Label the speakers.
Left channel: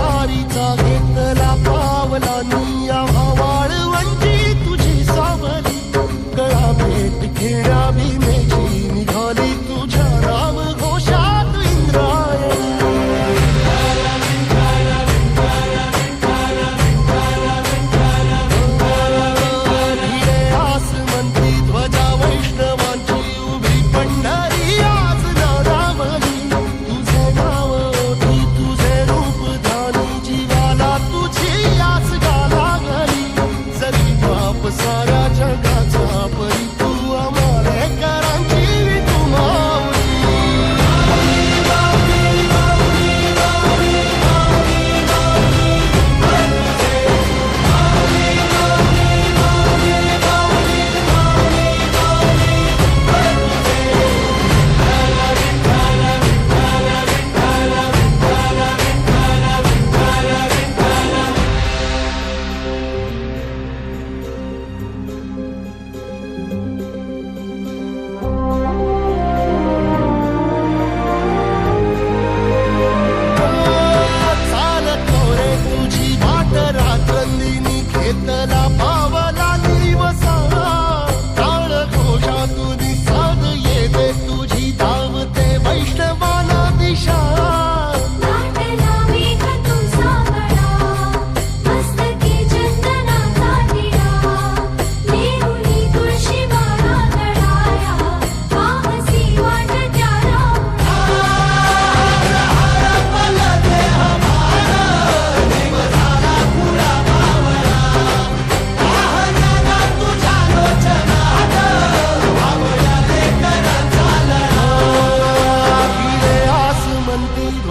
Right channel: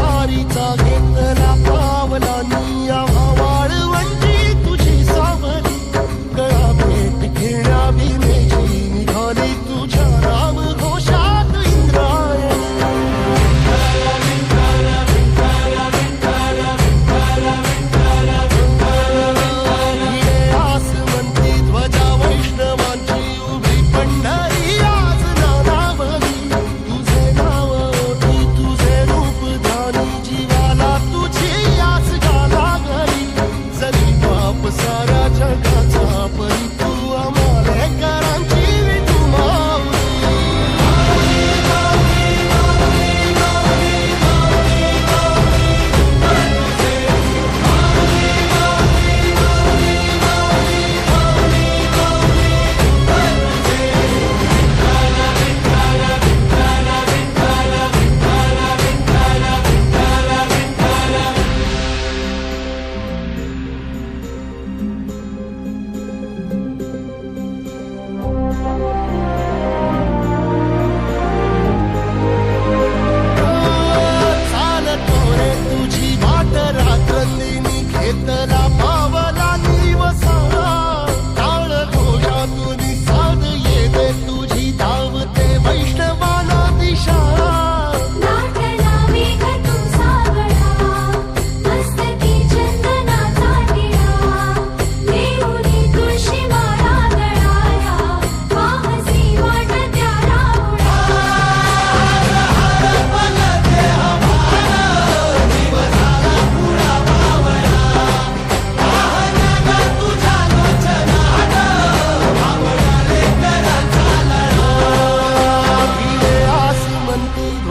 Speaker 1: पारीचा घेतला पावलानी या वाळवंजी तुझी सावली. गळा भेट घेण्या भीमेची